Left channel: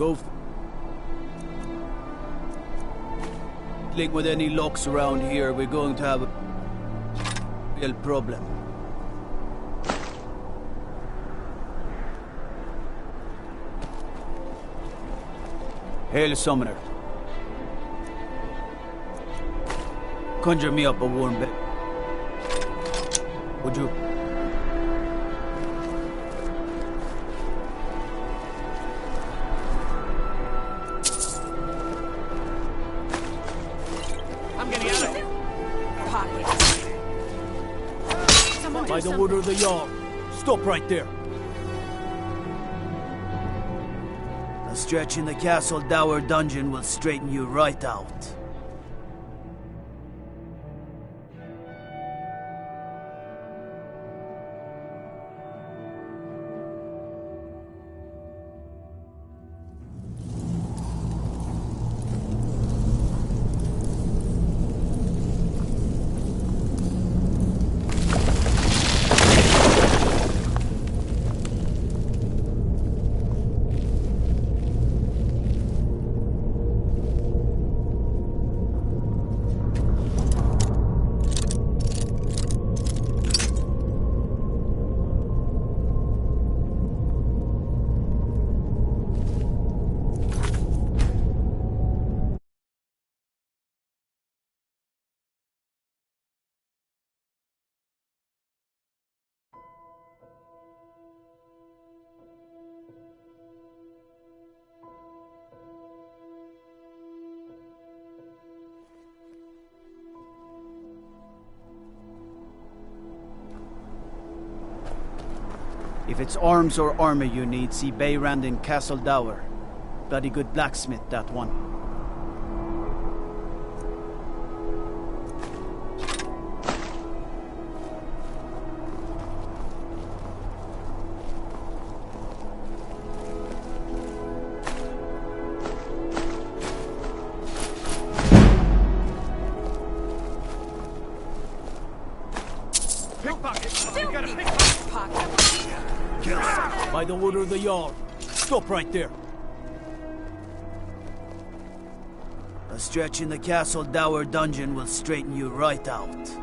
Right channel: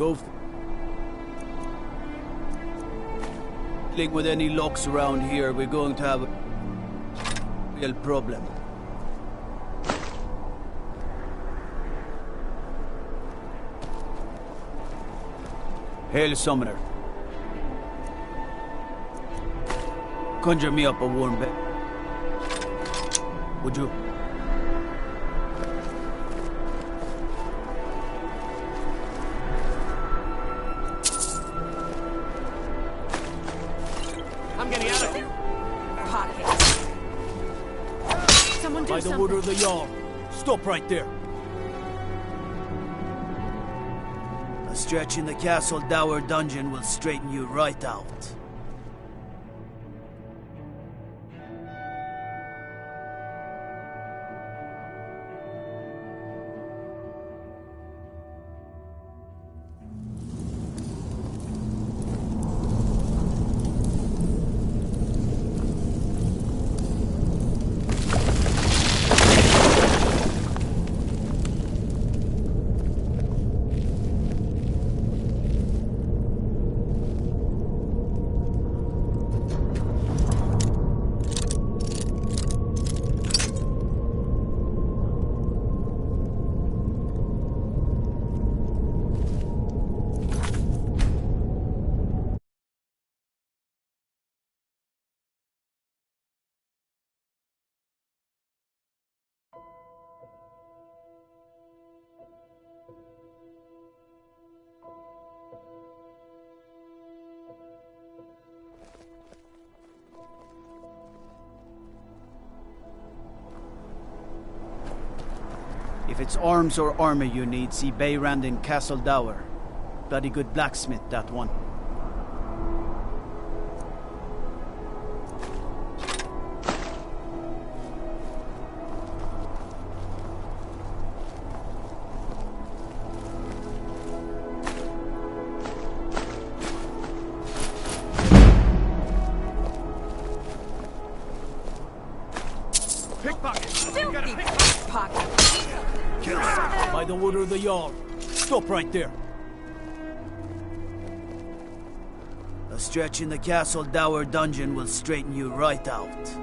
Go with any locks around here, we're going to have a real problem. Hail, Summoner. Conjure me up a warm bed. Would you? I'm getting out of here. Someone do By the order of the Jarl. Stop right there. A stretch in the castle dower dungeon will straighten you right out. If it's arms or armor you need, see Bayrand in Castle Dower. Bloody good blacksmith, that one. By the order of the Jarl. Stop right there. A stretch in the castle dower dungeon will straighten you right out.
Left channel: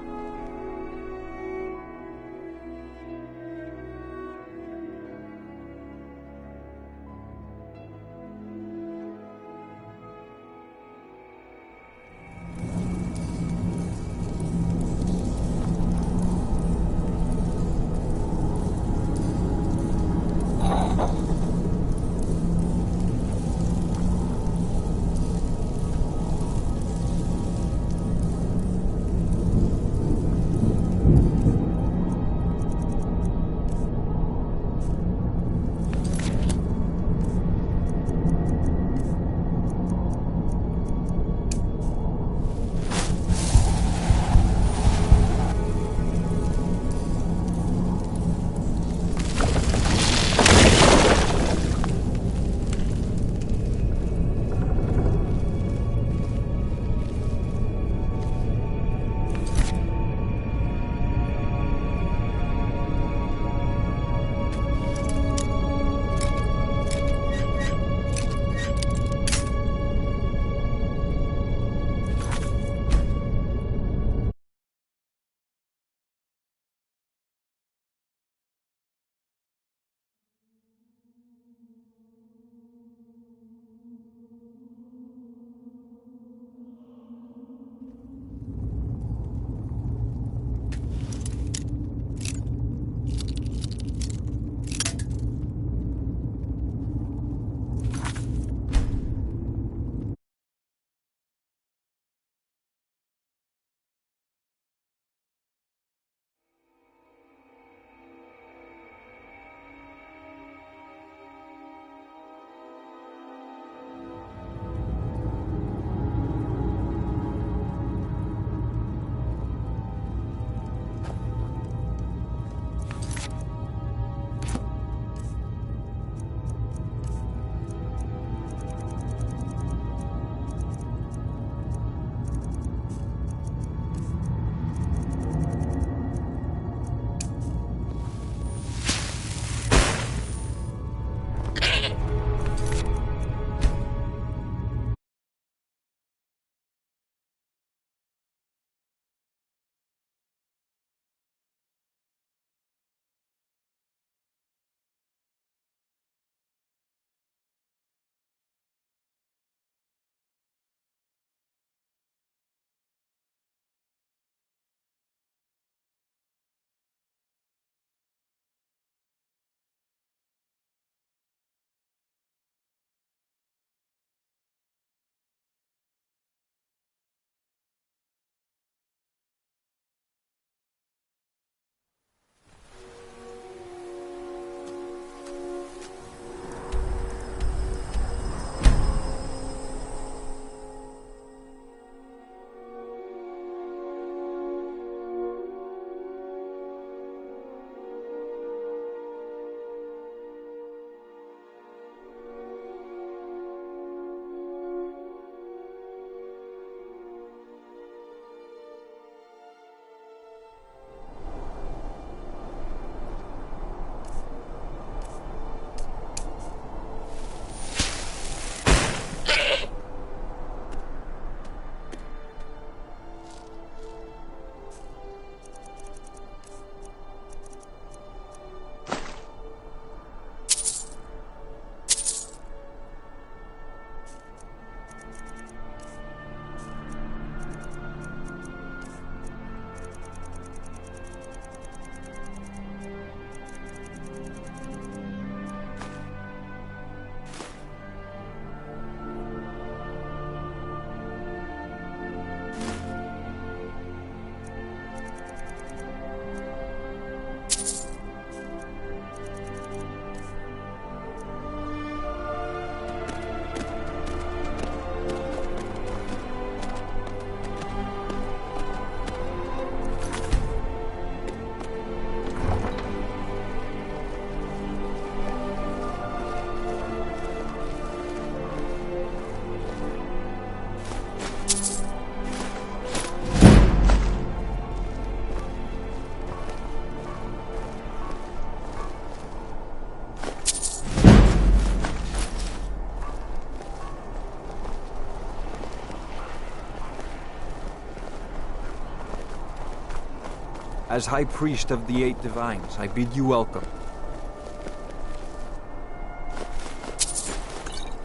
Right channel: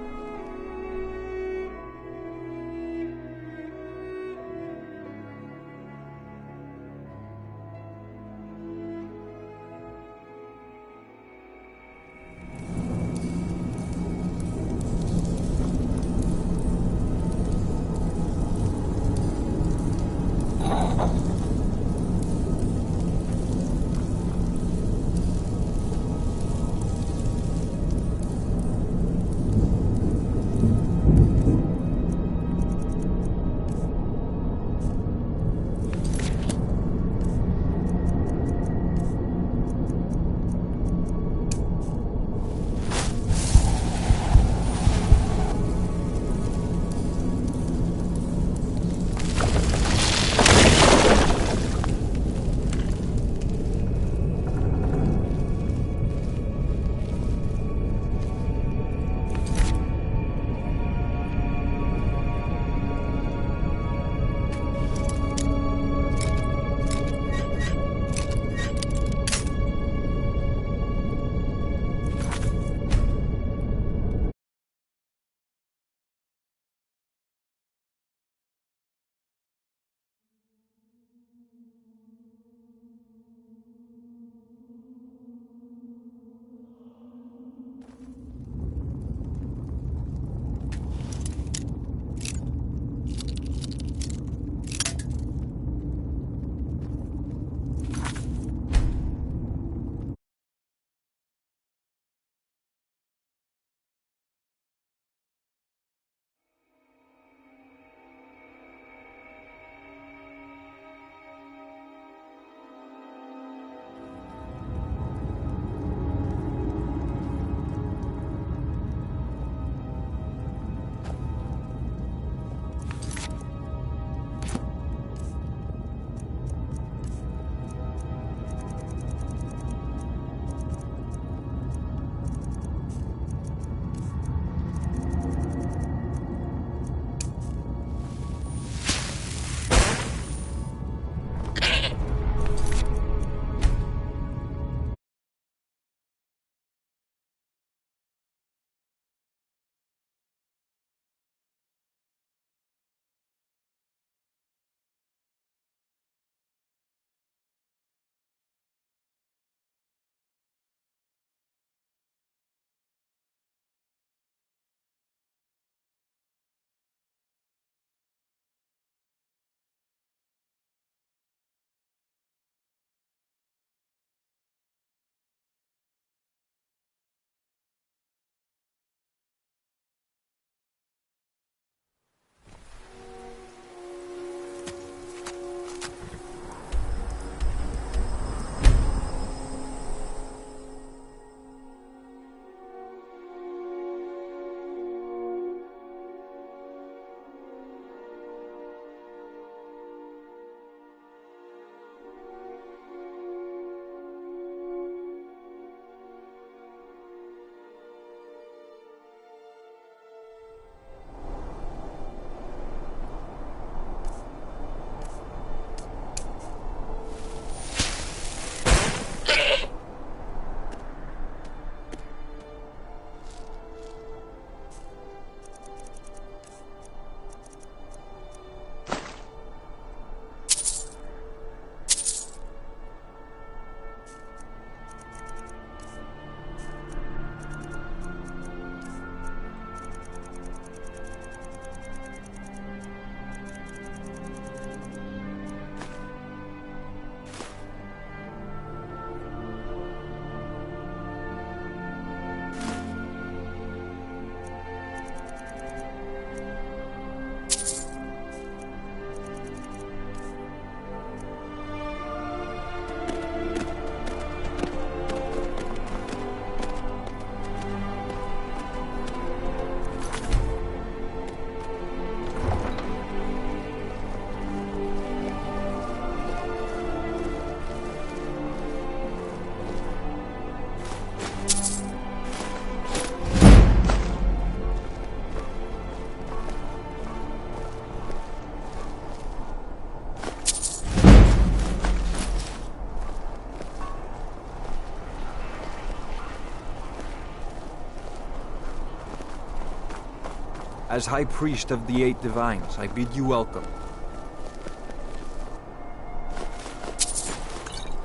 As High Priest of the Eight Divines, I bid you welcome.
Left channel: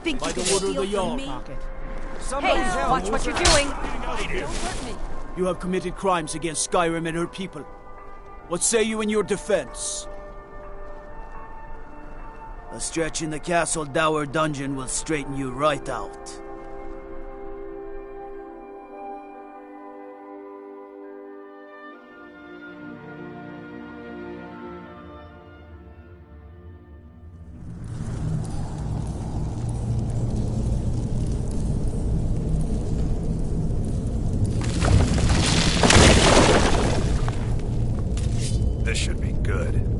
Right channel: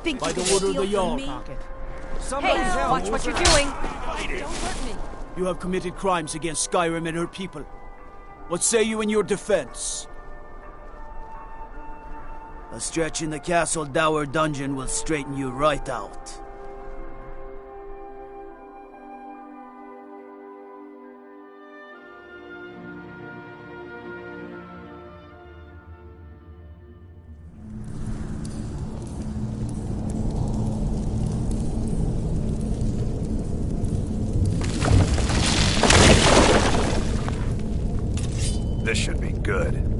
Think By you the can order of the steal from Jarl. me? Hey, watch what you're doing. Don't hurt me. You have committed crimes against Skyrim and her people. What say you in your defense? A stretch in the Castle Dower dungeon will straighten you right out. This should be good.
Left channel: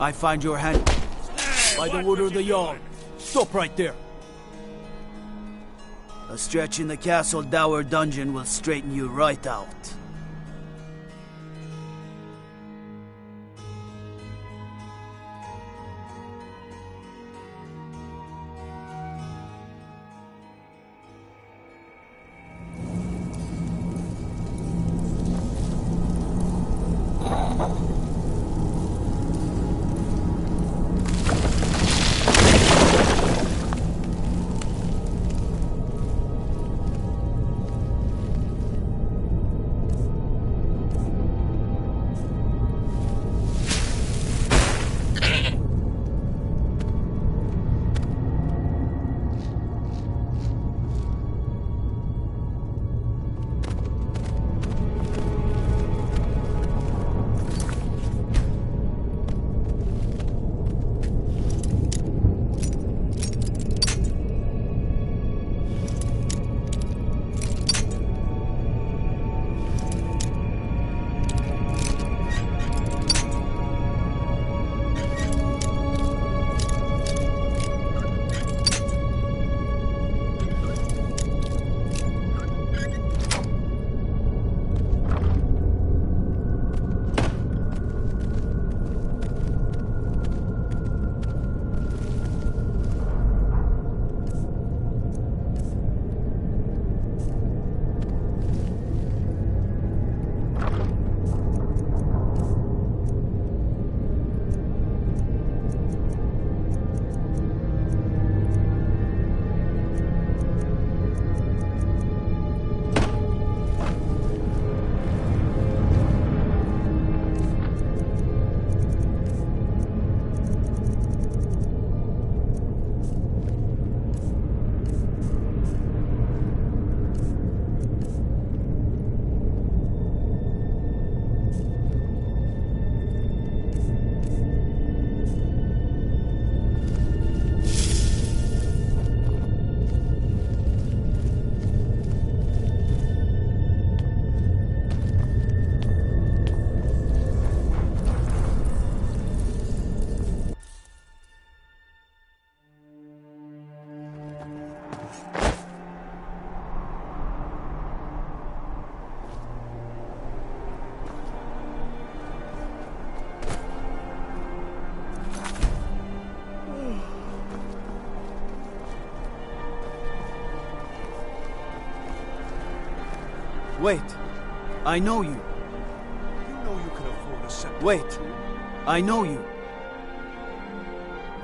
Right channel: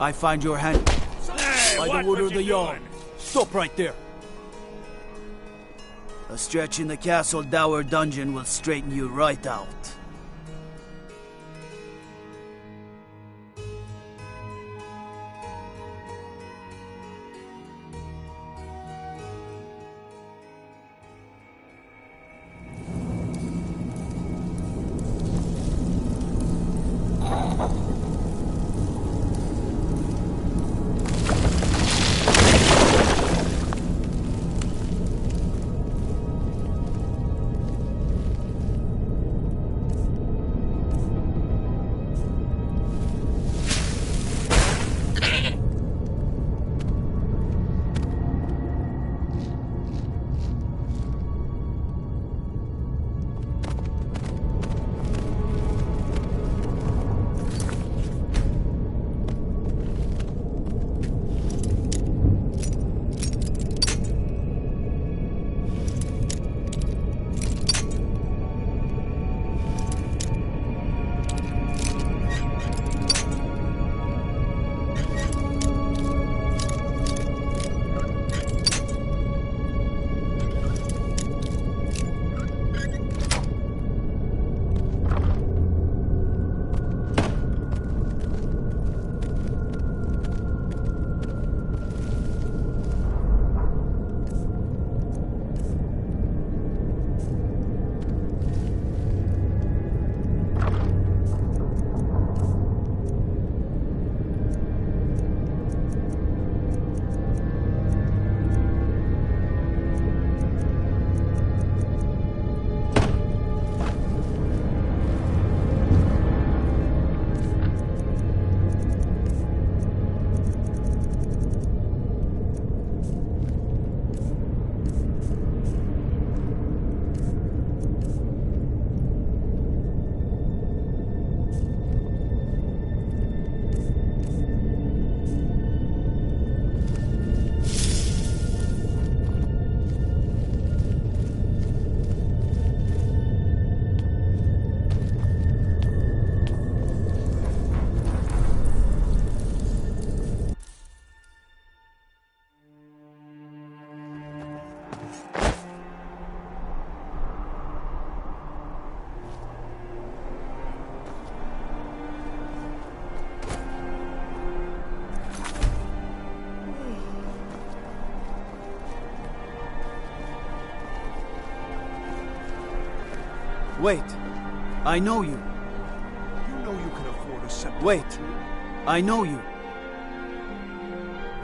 I find your hand. By the order of the Jarl. Stop right there. A stretch in the Castle Dower dungeon will straighten you right out. Wait. I know you. You know you can afford a cent. Wait. I know you.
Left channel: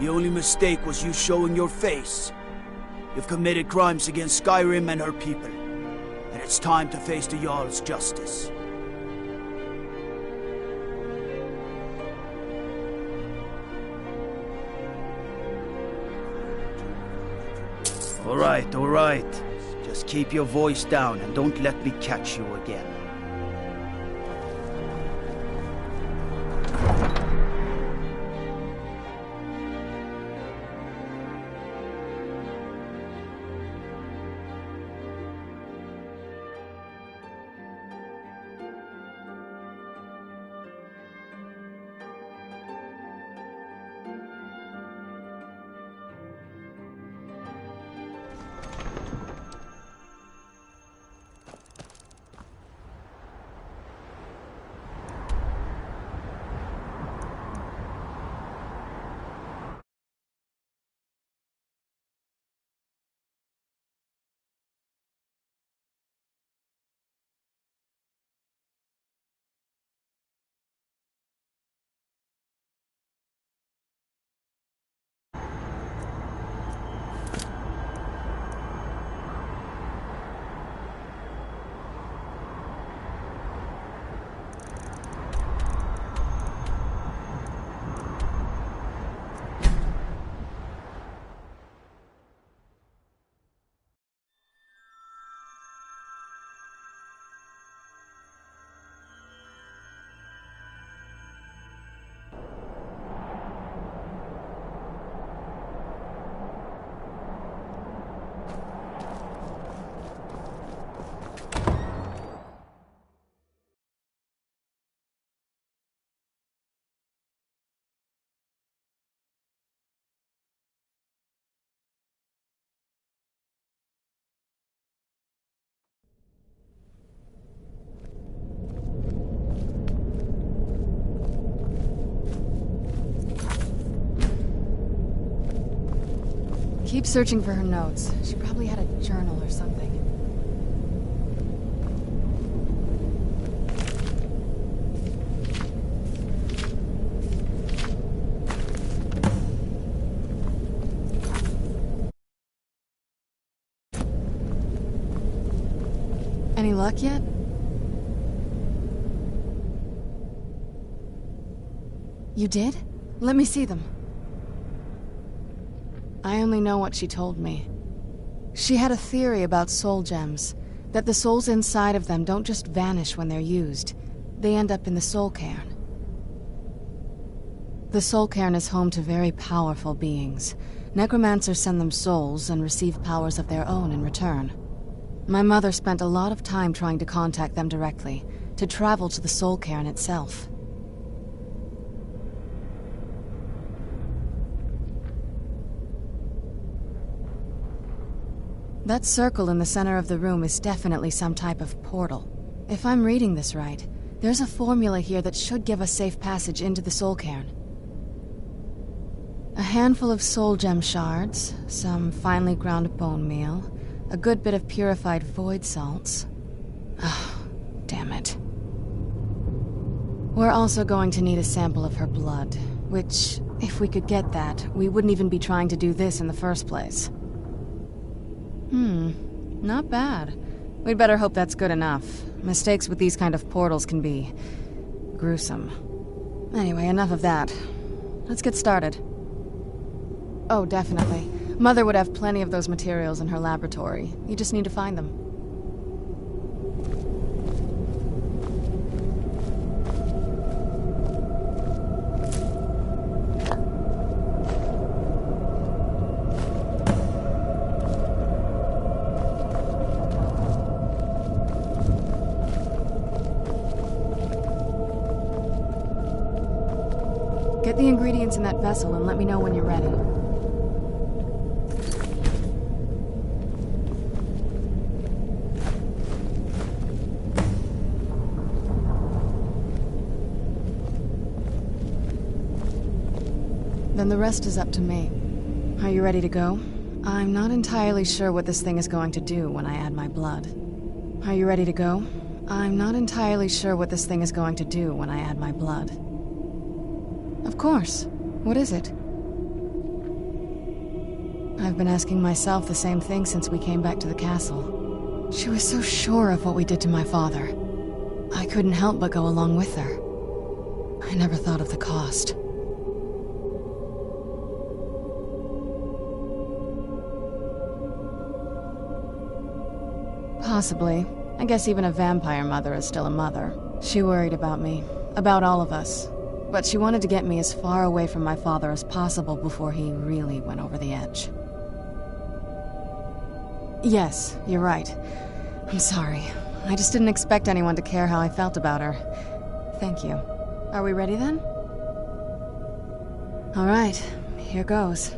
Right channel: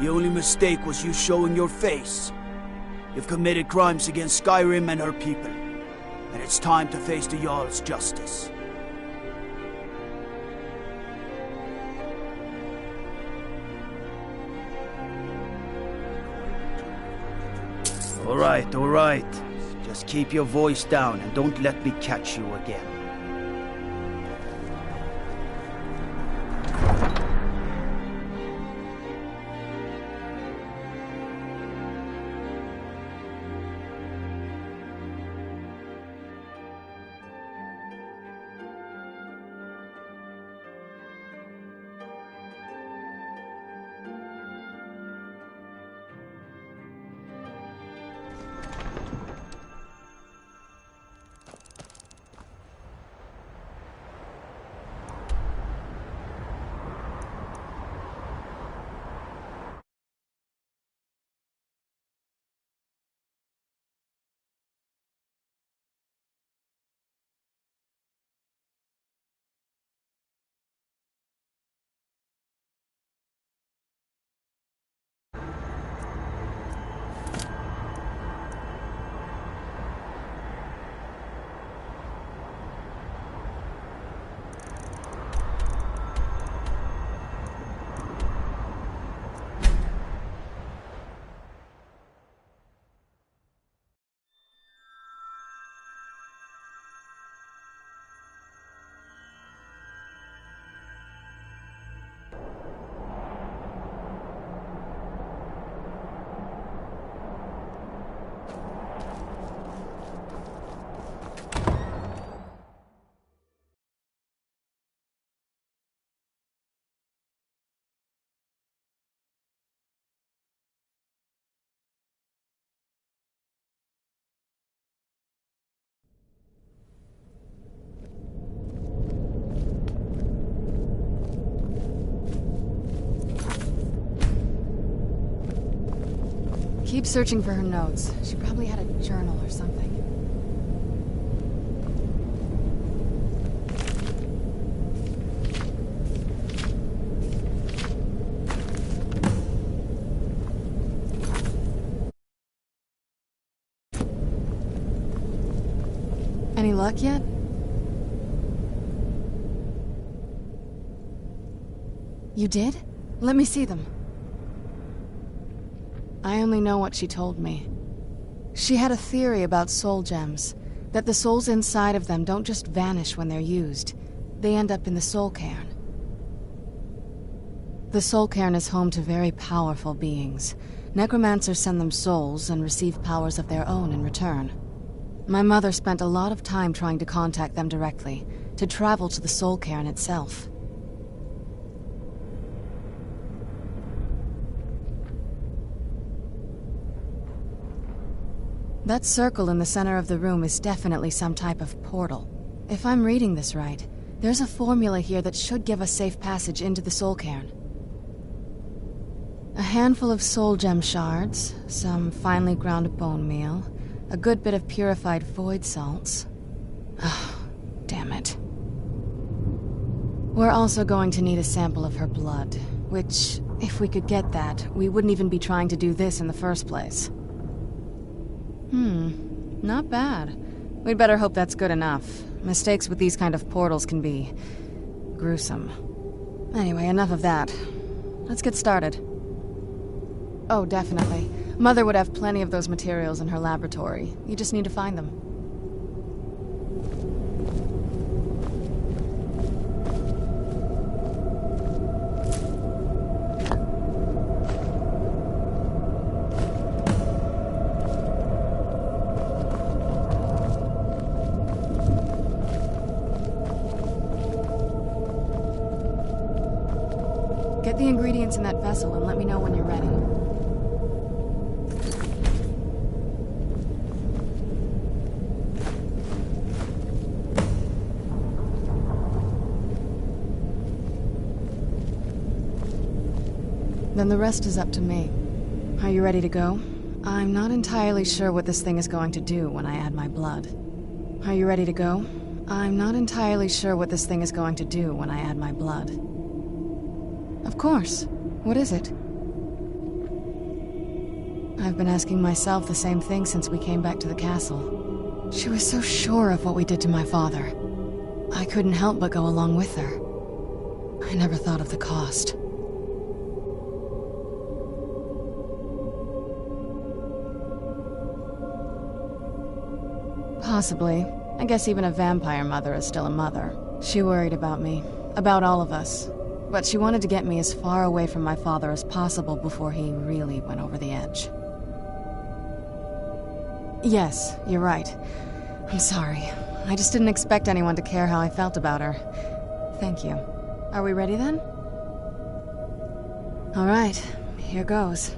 The only mistake was you showing your face. You've committed crimes against Skyrim and her people. And it's time to face the Jarl's justice. All right. Just keep your voice down and don't let me catch you again. Keep searching for her notes. She probably had a journal or something. Any luck yet? You did? Let me see them. I only know what she told me. She had a theory about soul gems, that the souls inside of them don't just vanish when they're used. They end up in the soul cairn. The soul cairn is home to very powerful beings. Necromancers send them souls and receive powers of their own in return. My mother spent a lot of time trying to contact them directly, to travel to the soul cairn itself. That circle in the center of the room is definitely some type of portal. If I'm reading this right, there's a formula here that should give us safe passage into the soul cairn. A handful of soul gem shards, some finely ground bone meal, a good bit of purified void salts. Oh, damn it. We're also going to need a sample of her blood, which, if we could get that, we wouldn't even be trying to do this in the first place. Not bad. We'd better hope that's good enough. Mistakes with these kind of portals can be gruesome. Anyway, enough of that. Let's get started. Oh, definitely. Mother would have plenty of those materials in her laboratory. You just need to find them. Get the ingredients in that vessel and let me know when you're ready. Then the rest is up to me. Are you ready to go? I'm not entirely sure what this thing is going to do when I add my blood. Are you ready to go? I'm not entirely sure what this thing is going to do when I add my blood. Of course. What is it? I've been asking myself the same thing since we came back to the castle. She was so sure of what we did to my father. I couldn't help but go along with her. I never thought of the cost. Possibly. I guess even a vampire mother is still a mother. She worried about me, about all of us. But she wanted to get me as far away from my father as possible before he really went over the edge. Yes, you're right. I'm sorry. I just didn't expect anyone to care how I felt about her. Thank you. Are we ready then? All right, here goes.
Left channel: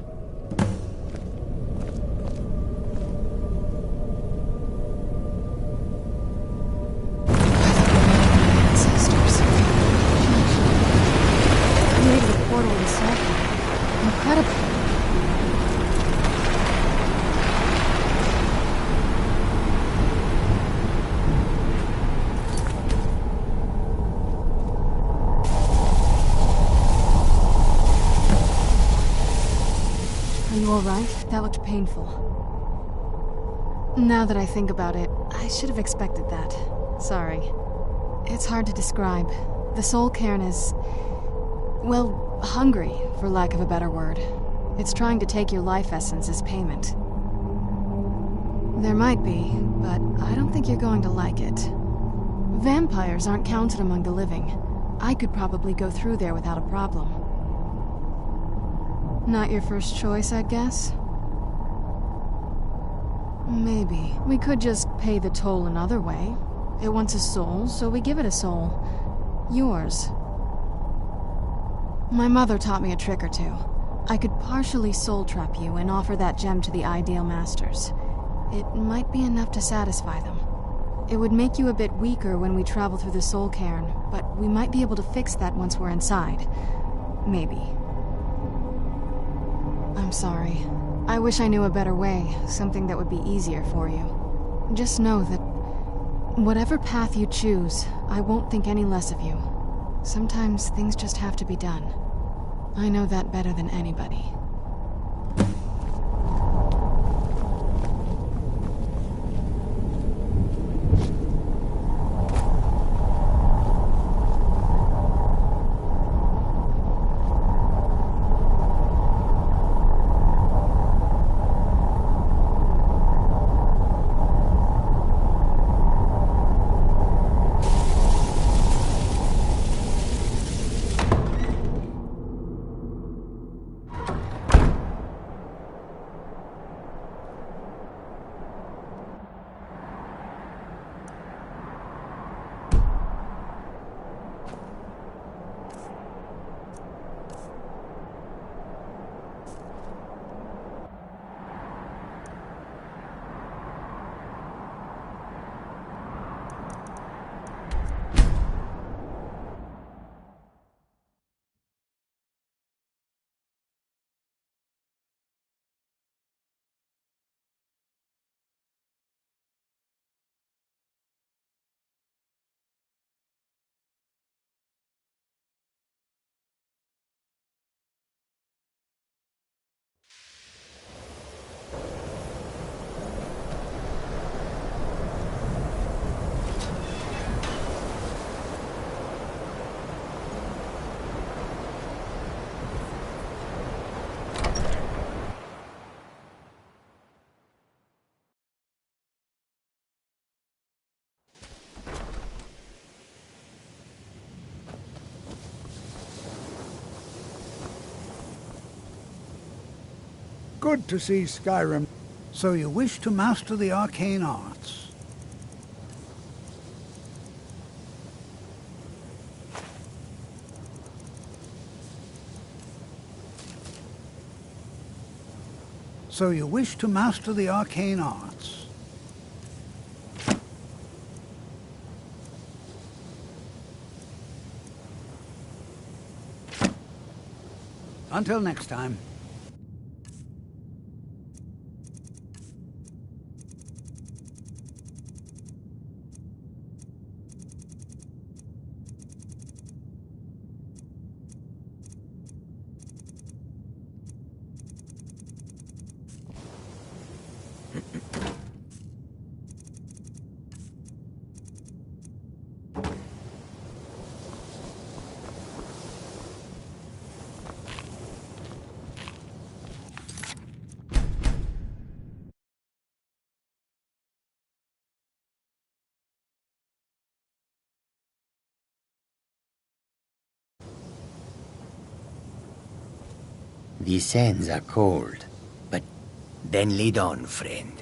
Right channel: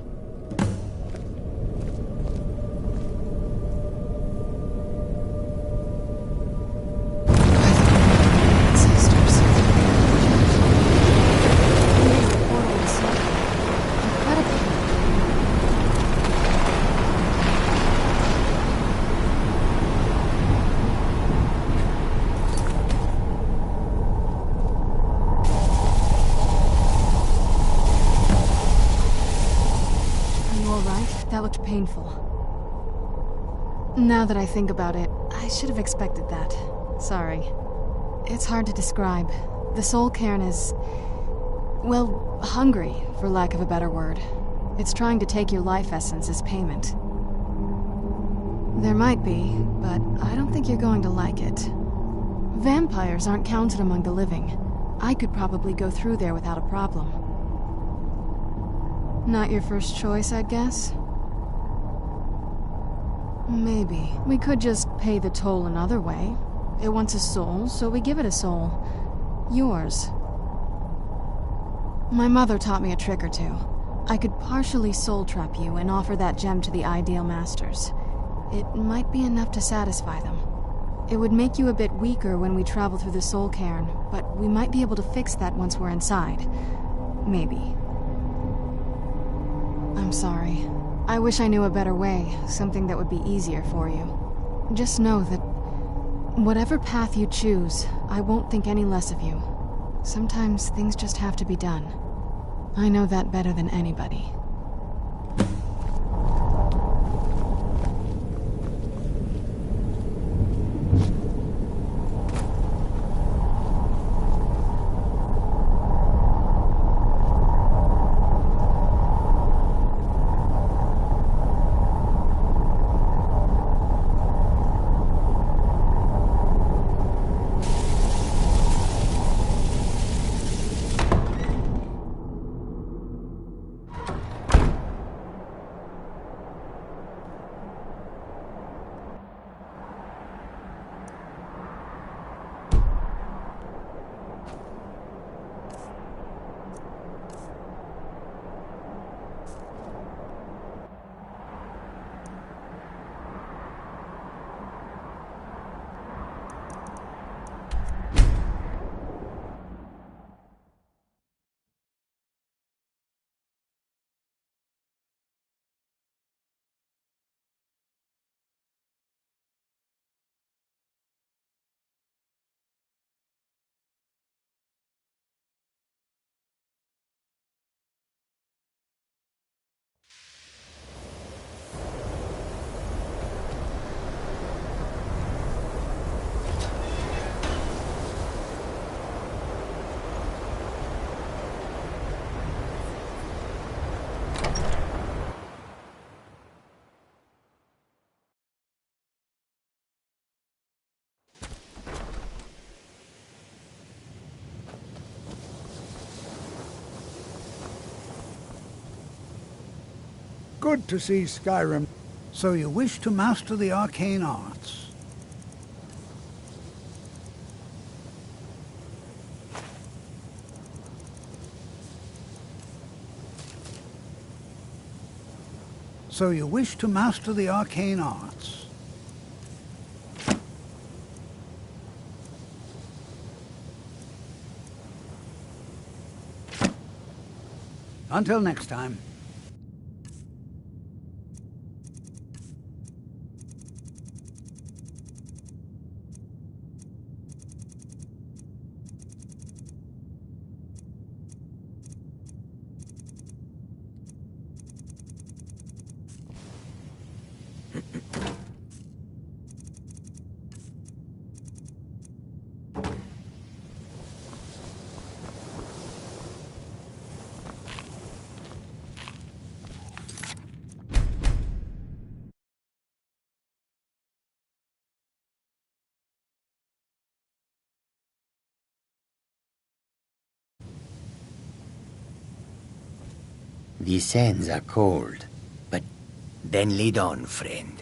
That looked painful. Now that I think about it, I should have expected that. Sorry. It's hard to describe. The soul cairn is... well, hungry, for lack of a better word. It's trying to take your life essence as payment. There might be, but I don't think you're going to like it. Vampires aren't counted among the living. I could probably go through there without a problem. Not your first choice, I'd guess? Maybe. We could just pay the toll another way. It wants a soul, so we give it a soul. Yours. My mother taught me a trick or two. I could partially soul trap you and offer that gem to the ideal masters. It might be enough to satisfy them. It would make you a bit weaker when we travel through the soul cairn, but we might be able to fix that once we're inside. Maybe. I'm sorry. I wish I knew a better way, something that would be easier for you. Just know that whatever path you choose, I won't think any less of you. Sometimes things just have to be done. I know that better than anybody. Good to see Skyrim. So you wish to master the arcane arts? So you wish to master the arcane arts? Until next time. The sands are cold, but then lead on, friend.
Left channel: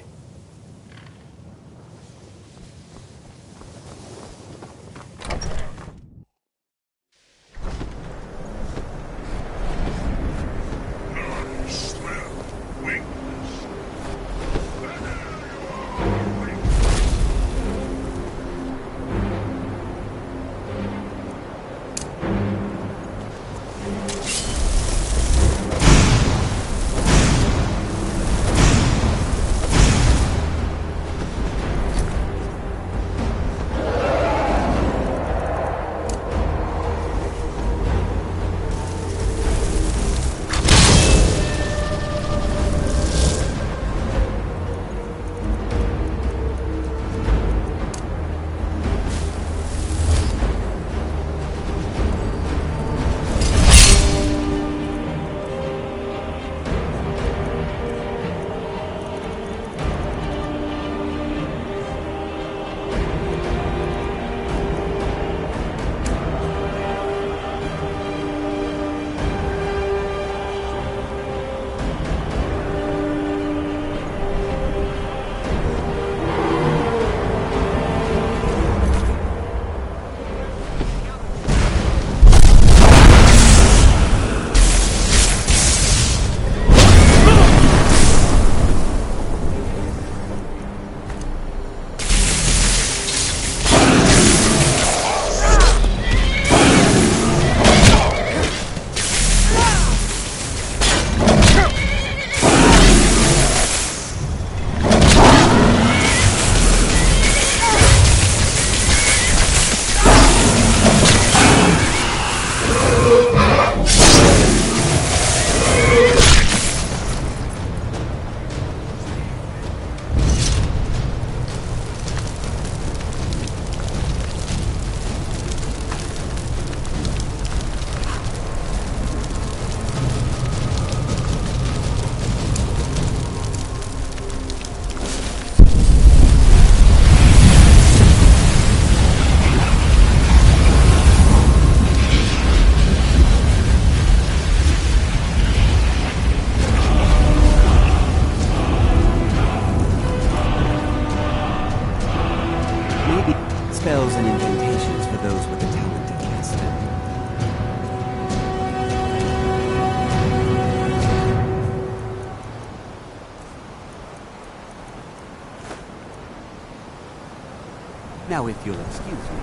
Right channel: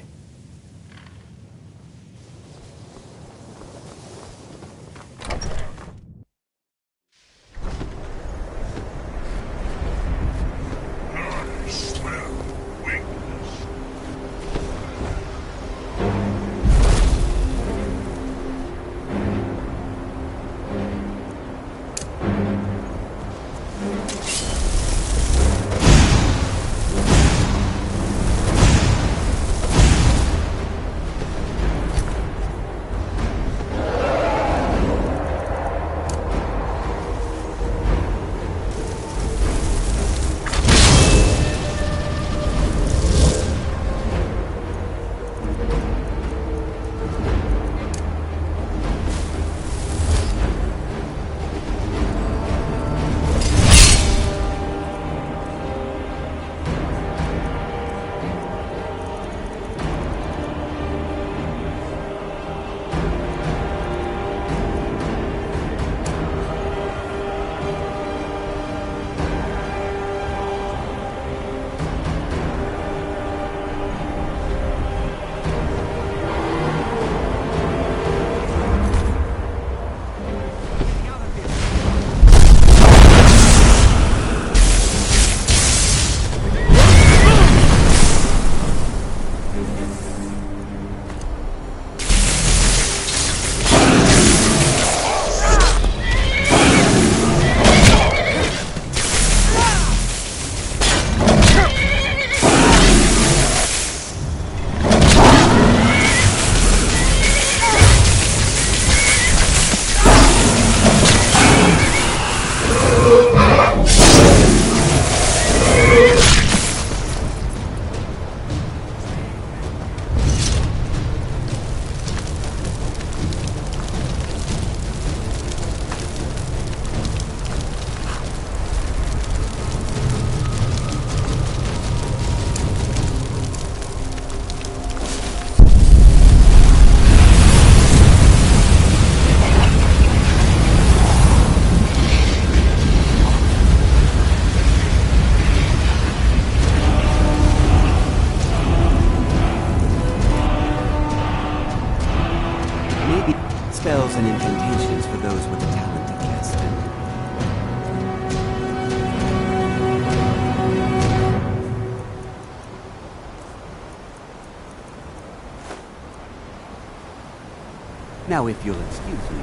Now, if you'll excuse me.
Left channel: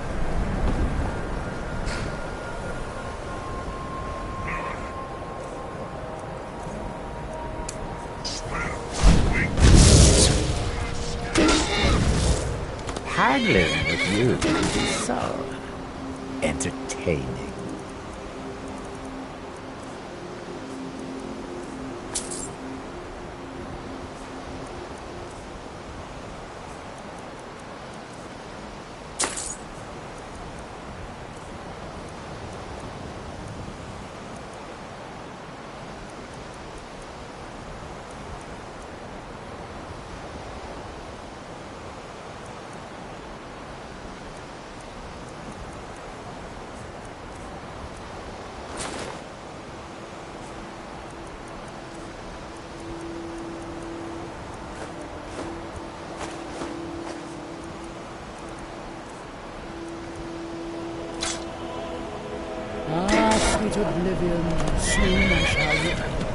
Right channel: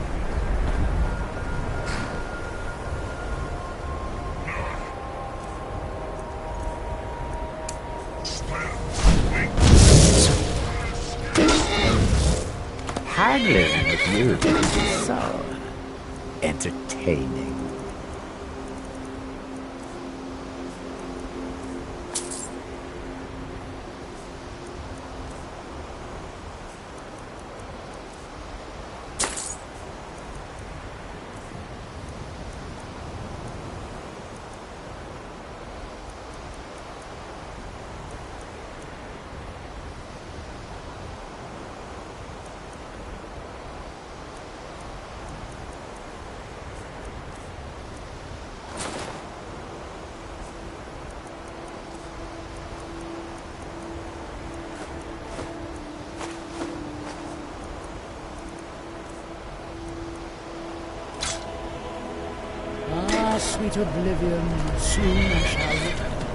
Haggling with you is so entertaining. Ah, sweet oblivion, soon I shall remember.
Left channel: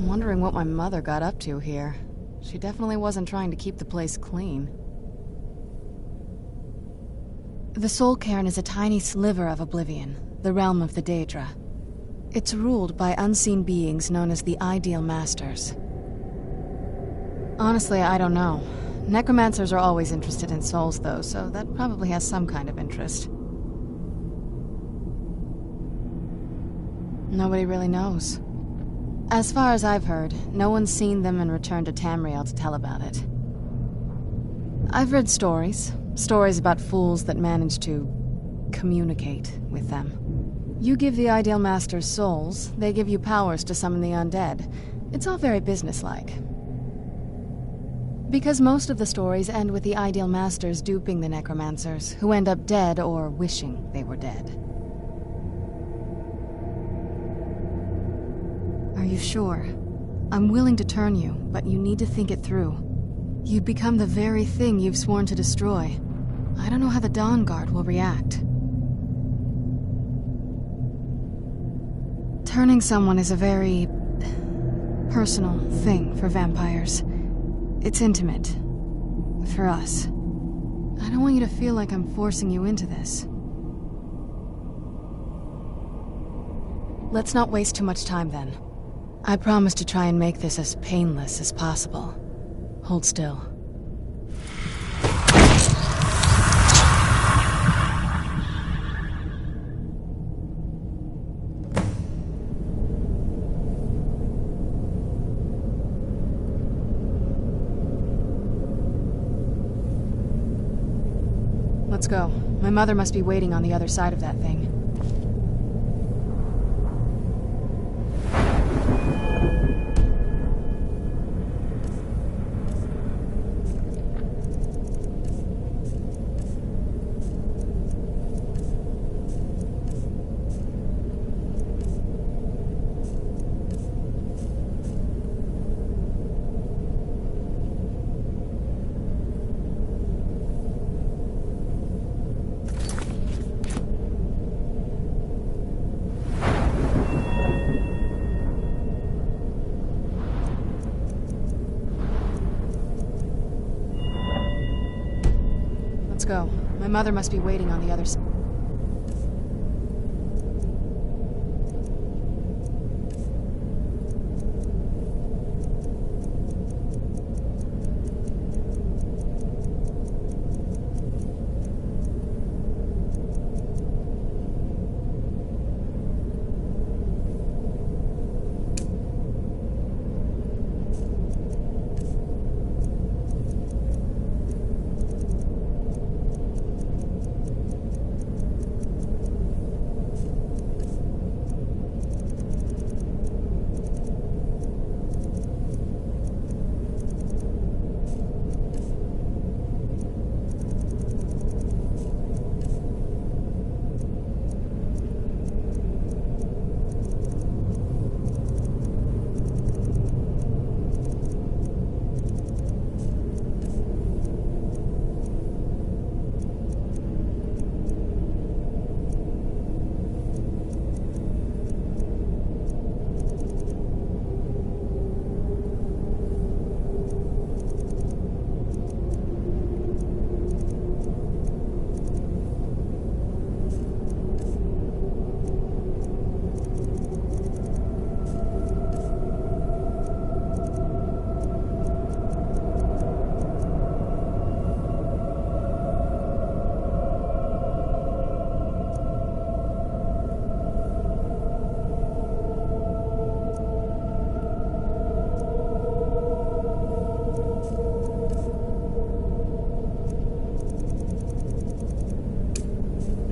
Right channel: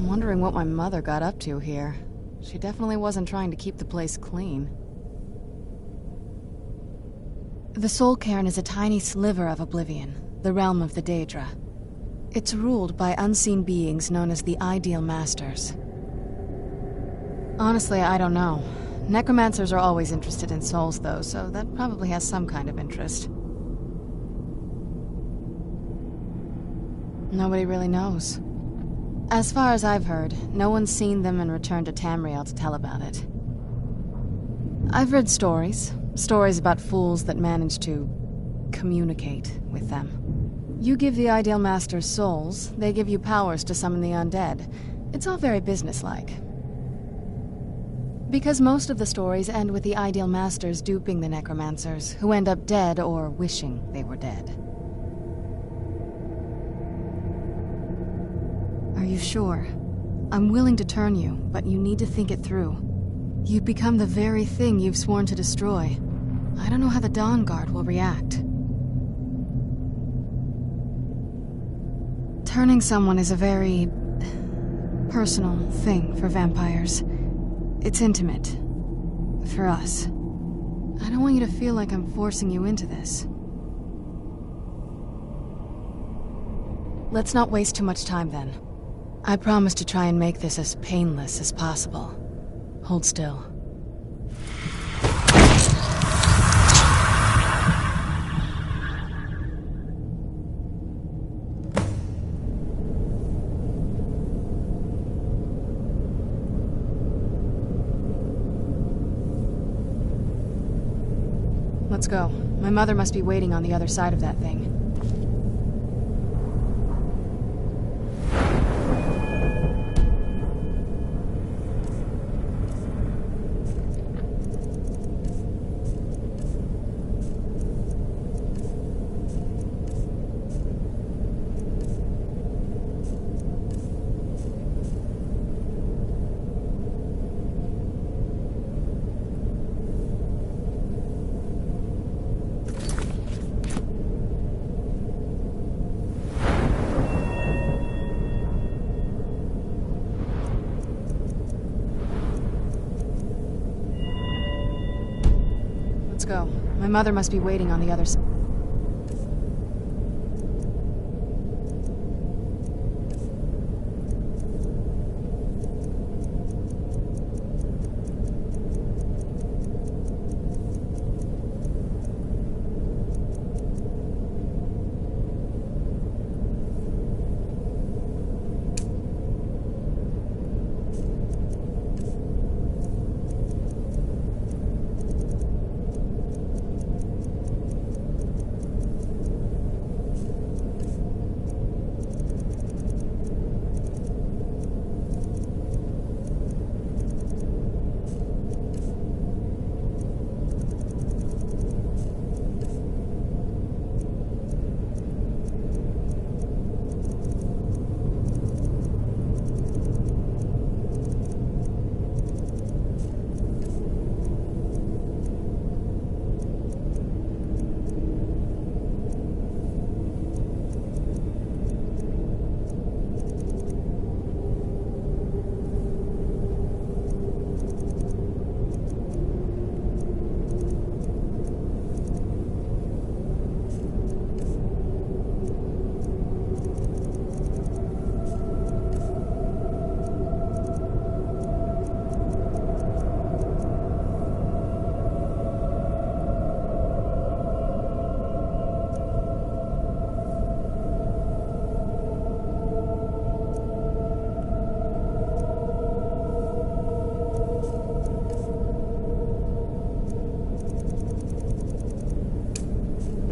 I'm wondering what my mother got up to here. She definitely wasn't trying to keep the place clean. The Soul Cairn is a tiny sliver of Oblivion, the realm of the Daedra. It's ruled by unseen beings known as the Ideal Masters. Honestly, I don't know. Necromancers are always interested in souls, though, so that probably has some kind of interest. Nobody really knows. As far as I've heard, no one's seen them and returned to Tamriel to tell about it. I've read stories about fools that manage to communicate with them. You give the Ideal Masters souls, they give you powers to summon the undead. It's all very businesslike. Because most of the stories end with the Ideal Masters duping the necromancers, who end up dead or wishing they were dead. Are you sure? I'm willing to turn you, but you need to think it through. You've become the very thing you've sworn to destroy. I don't know how the Dawn Guard will react. Turning someone is a very personal thing for vampires. It's intimate. For us. I don't want you to feel like I'm forcing you into this. Let's not waste too much time then. I promise to try and make this as painless as possible. Hold still. Let's go. My mother must be waiting on the other side of that thing. Go. My mother must be waiting on the other side.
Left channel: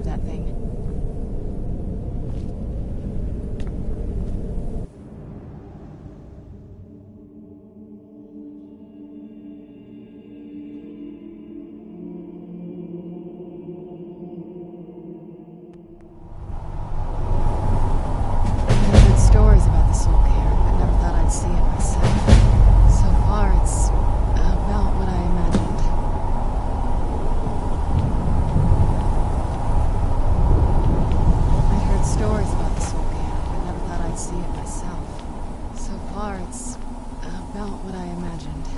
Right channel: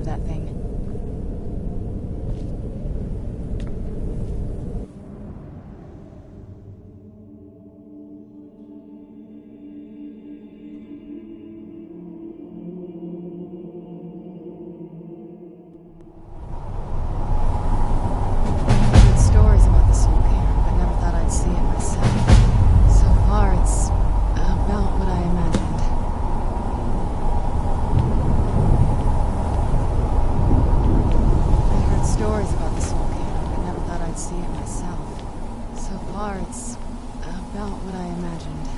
That thing. I've heard stories about the Soul Cairn, but never thought I'd see it myself. So far, it's about what I imagined. Stories about the Soul Cairn, but never thought I'd see it myself. So far, it's about what I imagined.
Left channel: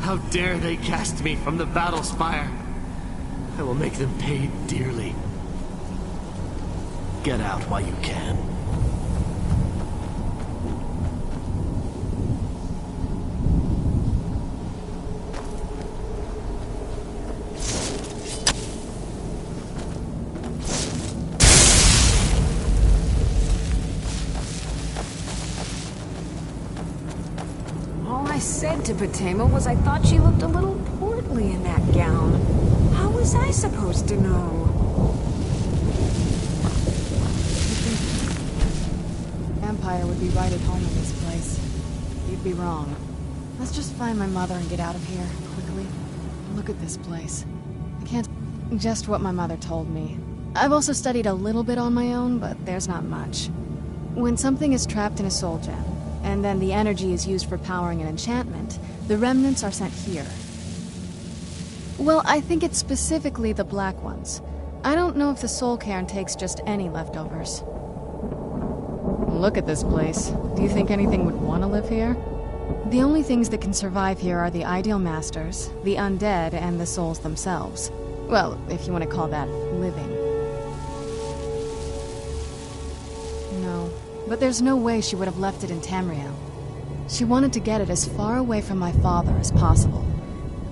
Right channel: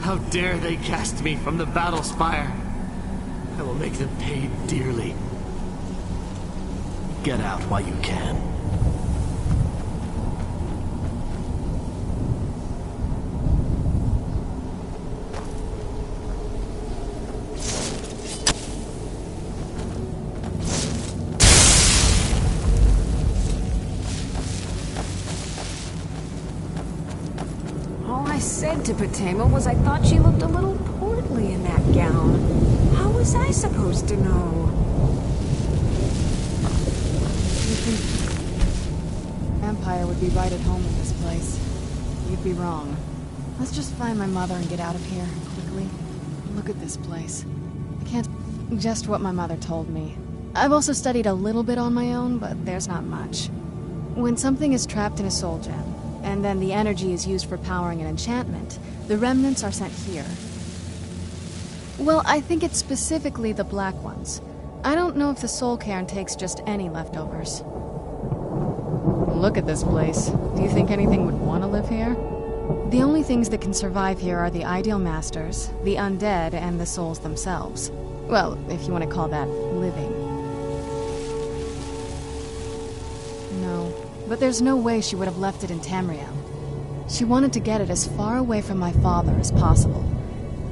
How dare they cast me from the battle spire? I will make them pay dearly. Get out while you can. All I said to Patema was I thought she looked a little portly in that gown. How was I supposed to know? You think Empire would be right at home in this place? You'd be wrong. Let's just find my mother and get out of here, quickly. Look at this place. I can't... Just what my mother told me. I've also studied a little bit on my own, but there's not much. When something is trapped in a soul gem, and then the energy is used for powering an enchantment, the remnants are sent here. Well, I think it's specifically the black ones. I don't know if the soul cairn takes just any leftovers. Look at this place. Do you think anything would want to live here? The only things that can survive here are the ideal masters, the undead, and the souls themselves. Well, if you want to call that living. No, but there's no way she would have left it in Tamriel. She wanted to get it as far away from my father as possible.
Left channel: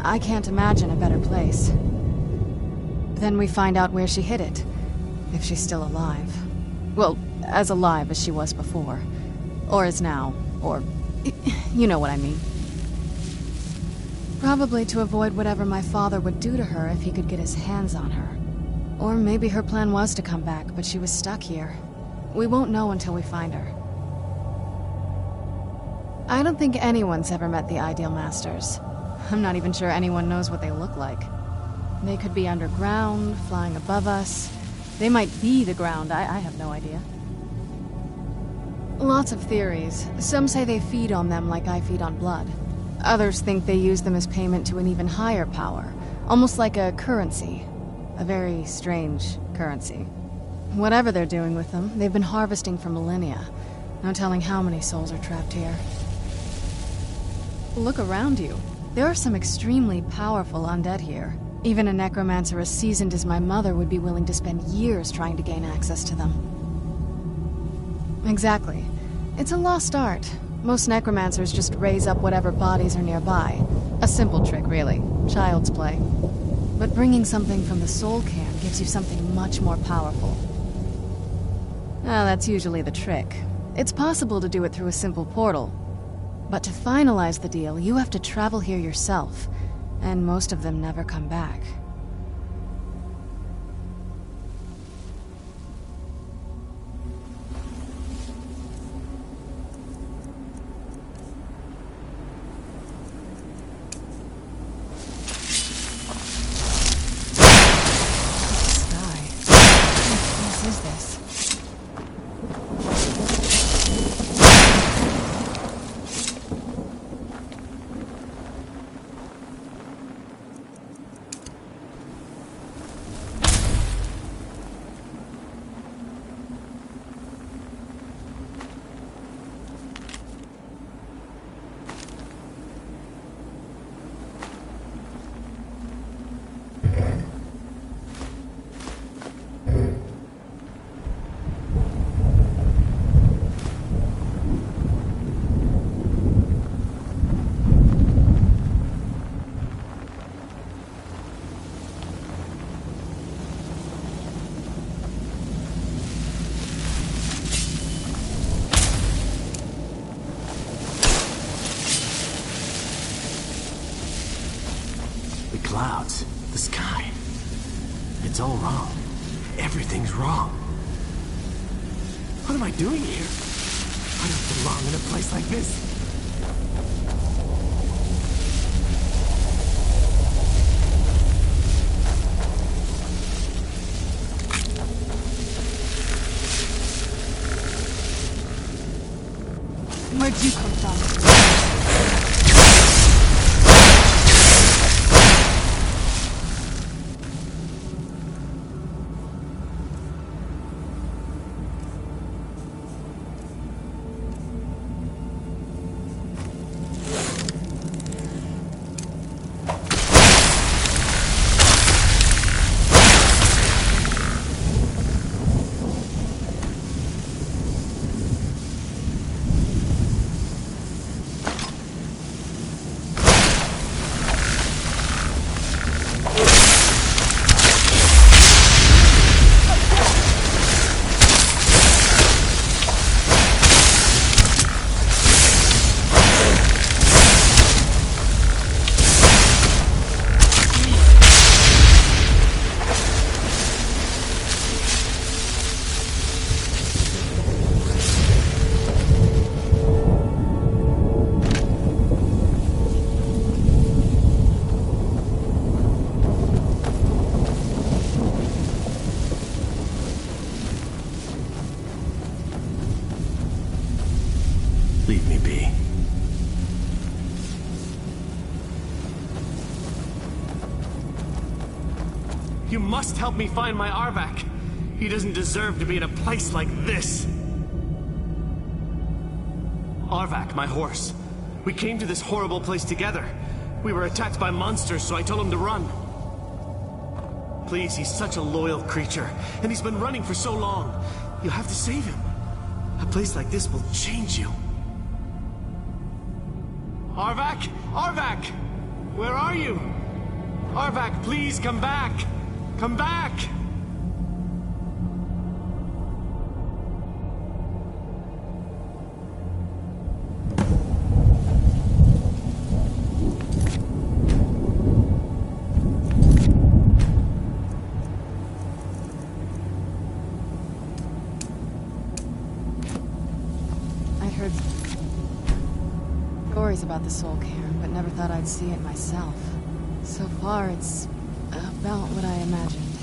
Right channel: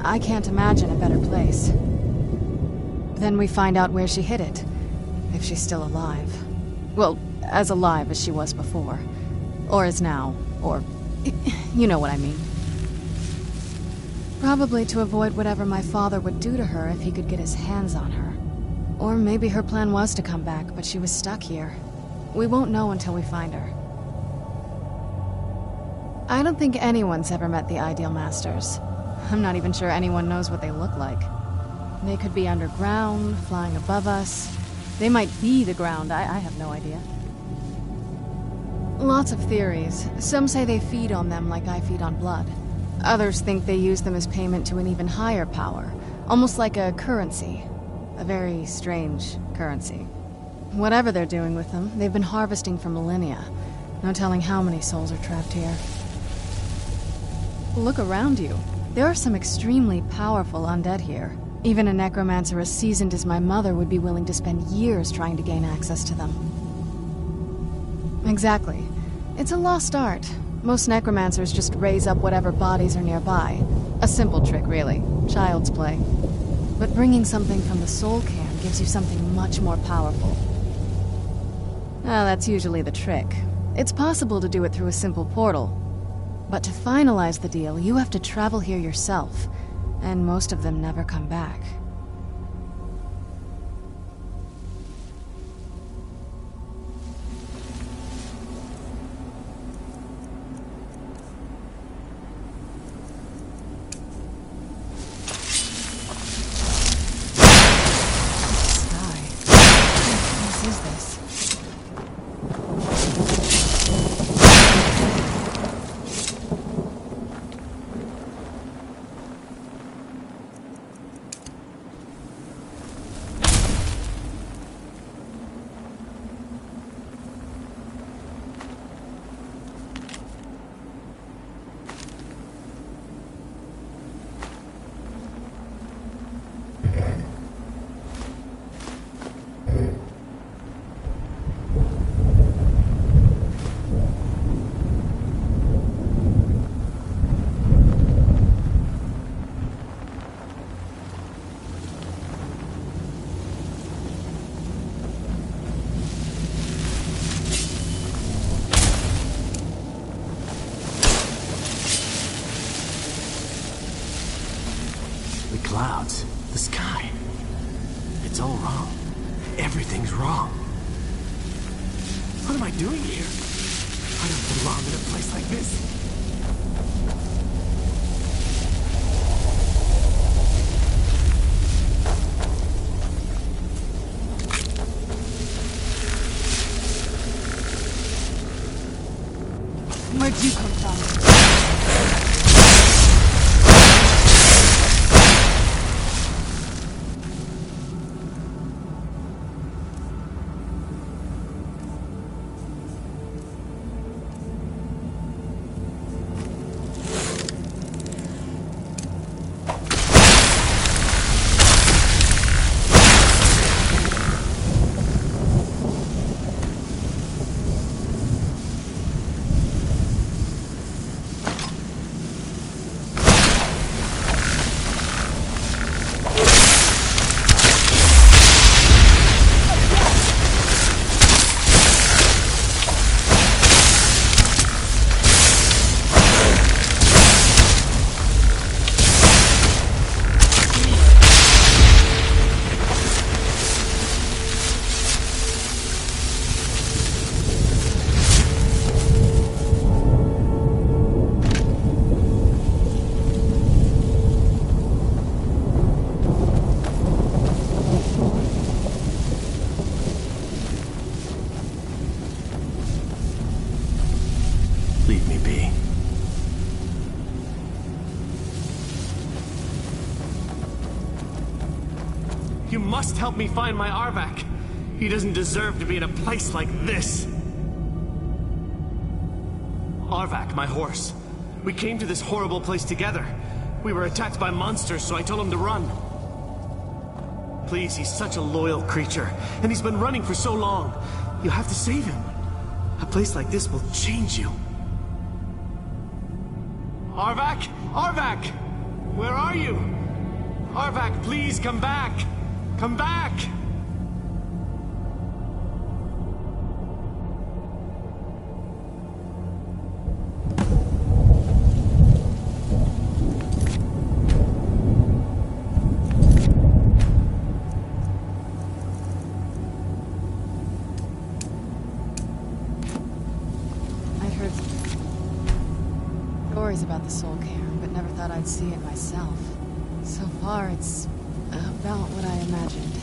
I can't imagine a better place. Then we find out where she hid it, if she's still alive. Well, as alive as she was before. Or is now, or... you know what I mean. Probably to avoid whatever my father would do to her if he could get his hands on her. Or maybe her plan was to come back, but she was stuck here. We won't know until we find her. I don't think anyone's ever met the Ideal Masters. I'm not even sure anyone knows what they look like. They could be underground, flying above us. They might be the ground, I have no idea. Lots of theories. Some say they feed on them like I feed on blood. Others think they use them as payment to an even higher power, almost like a currency. A very strange currency. Whatever they're doing with them, they've been harvesting for millennia. No telling how many souls are trapped here. Look around you. There are some extremely powerful undead here. Even a necromancer as seasoned as my mother would be willing to spend years trying to gain access to them. Exactly. It's a lost art. Most necromancers just raise up whatever bodies are nearby. A simple trick, really. Child's play. But bringing something from the soul cairn gives you something much more powerful. Now, that's usually the trick. It's possible to do it through a simple portal. But to finalize the deal, you have to travel here yourself. And most of them never come back. clouds, the sky. It's all wrong. Everything's wrong. What am I doing here? I don't belong in a place like this. Where'd you come from? Leave me be. You must help me find my Arvak. He doesn't deserve to be in a place like this. Arvak, my horse. We came to this horrible place together. We were attacked by monsters, so I told him to run. Please, he's such a loyal creature, and he's been running for so long. You have to save him. A place like this will change you. Arvak! Arvak! Where are you? Arvak, please come back! Come back! I'd heard stories about the Soul Cairn, but never thought I'd see it myself. So far, it's about what I imagined.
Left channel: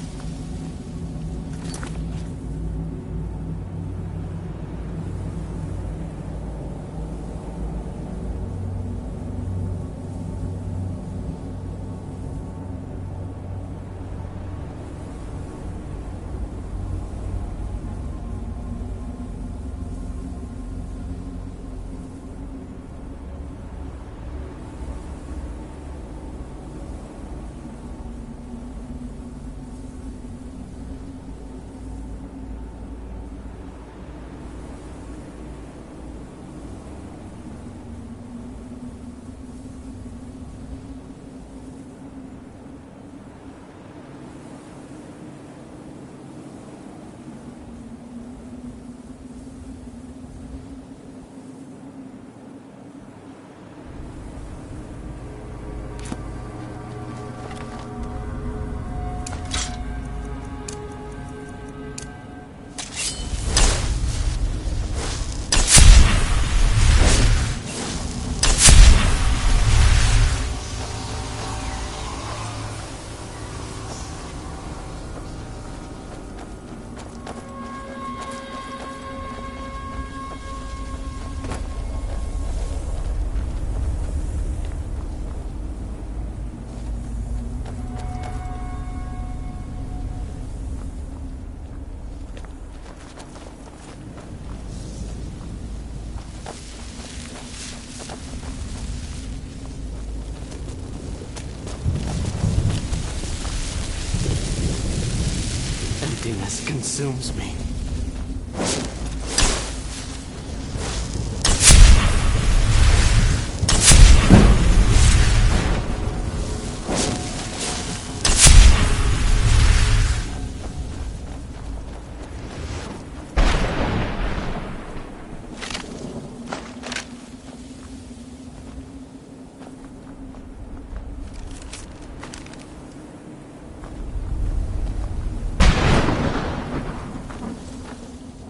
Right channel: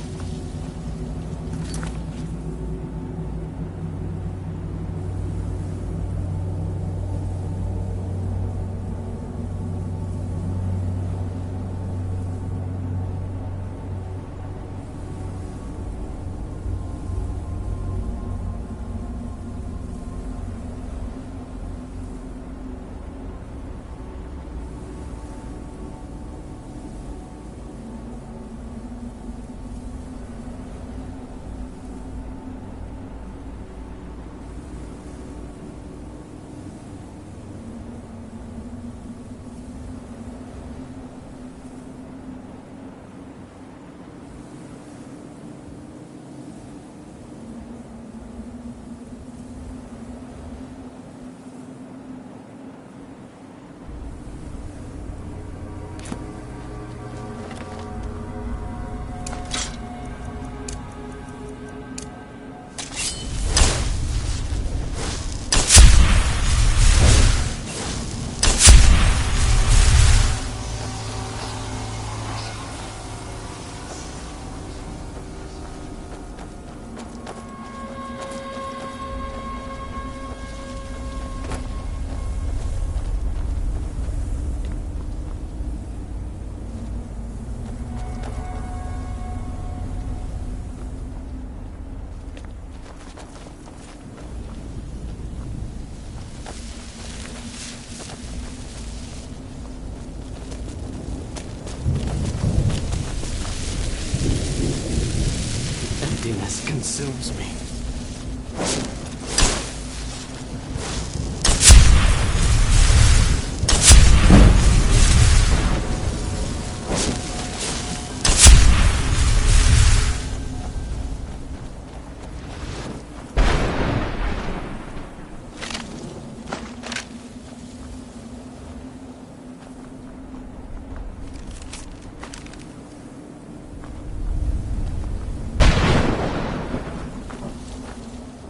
Emptiness consumes me.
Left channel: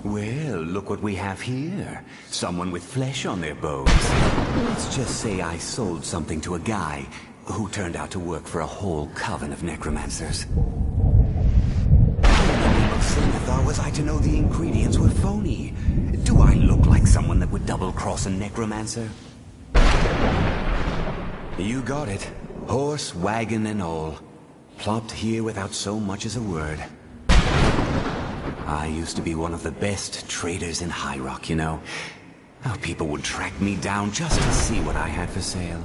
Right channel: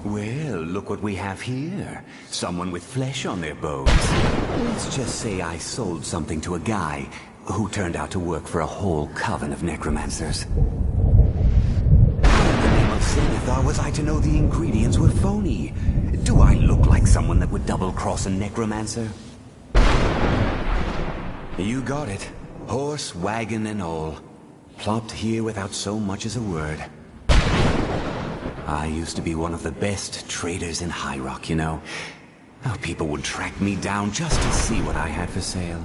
Well, look what we have here. Someone with flesh on their bones. Let's just say I sold something to a guy who turned out to work for a whole coven of necromancers. How in the name of Zenithar was I to know the ingredients were phony? Do I look like someone that would double-cross a necromancer? You got it. Horse, wagon, and all. Plopped here without so much as a word. I used to be one of the best traders in High Rock, you know. How people would track me down just to see what I had for sale.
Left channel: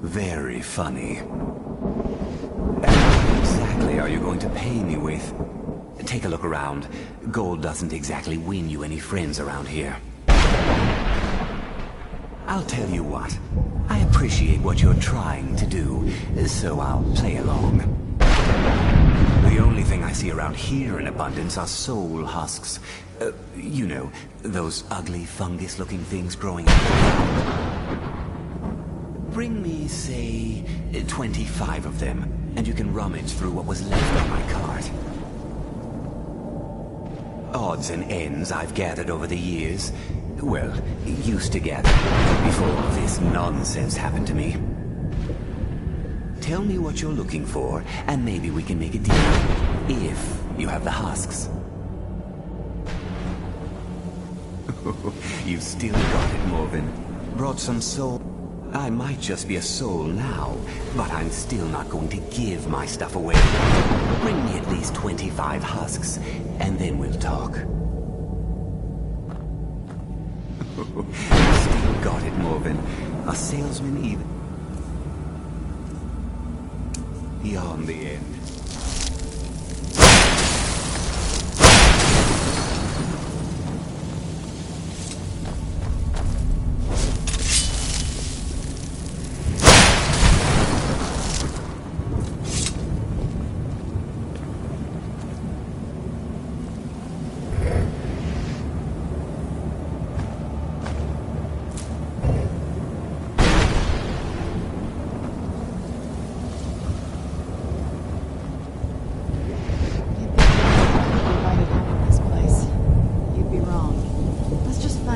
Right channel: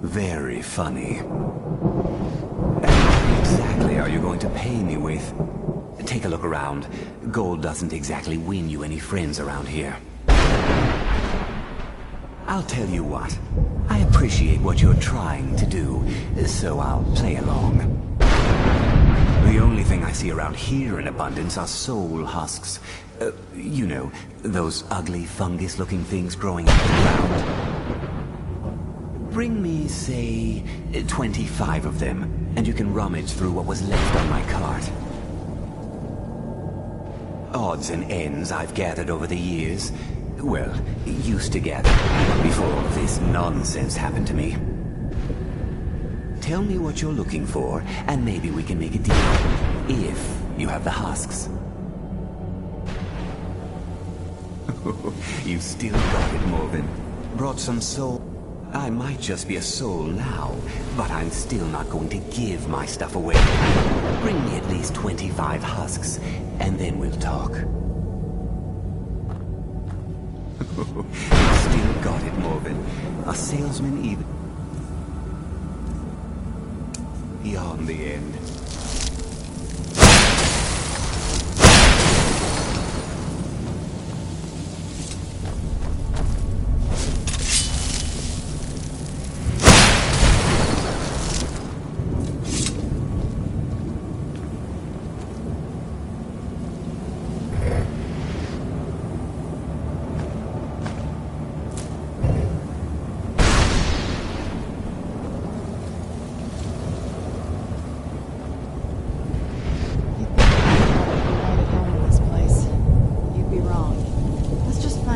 Very funny. And what exactly are you going to pay me with? Take a look around. Gold doesn't exactly win you any friends around here. I'll tell you what. I appreciate what you're trying to do, so I'll play along. The only thing I see around here in abundance are soul husks. You know, those ugly fungus-looking things growing out of the ground. Bring me, say, 25 of them, and you can rummage through what was left on my cart. Odds and ends I've gathered over the years. Well, used to gather, before all this nonsense happened to me. Tell me what you're looking for, and maybe we can make a deal. If you have the husks. You still got it, Morven. Brought some soul. I might just be a soul now, but I'm still not going to give my stuff away. Bring me at least 25 husks, and then we'll talk. You still got it, Morven. A salesman even beyond the end.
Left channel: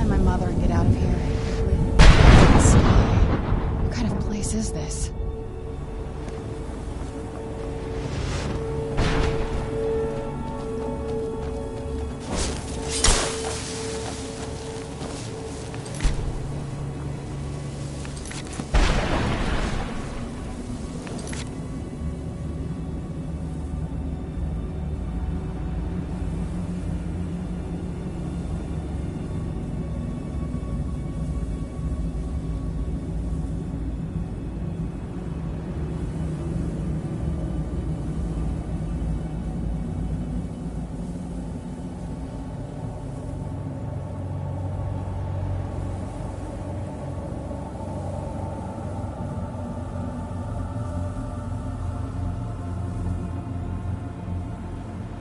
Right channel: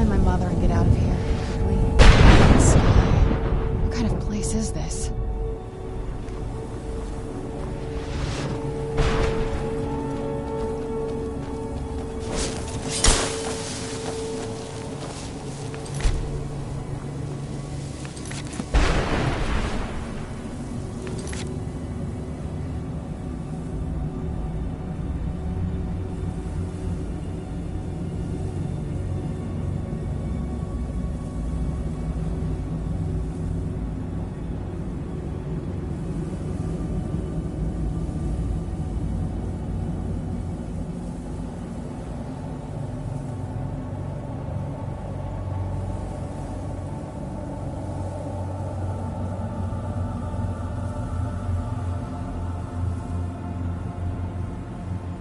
My mother and get out of here, quickly. The sky. What kind of place is this?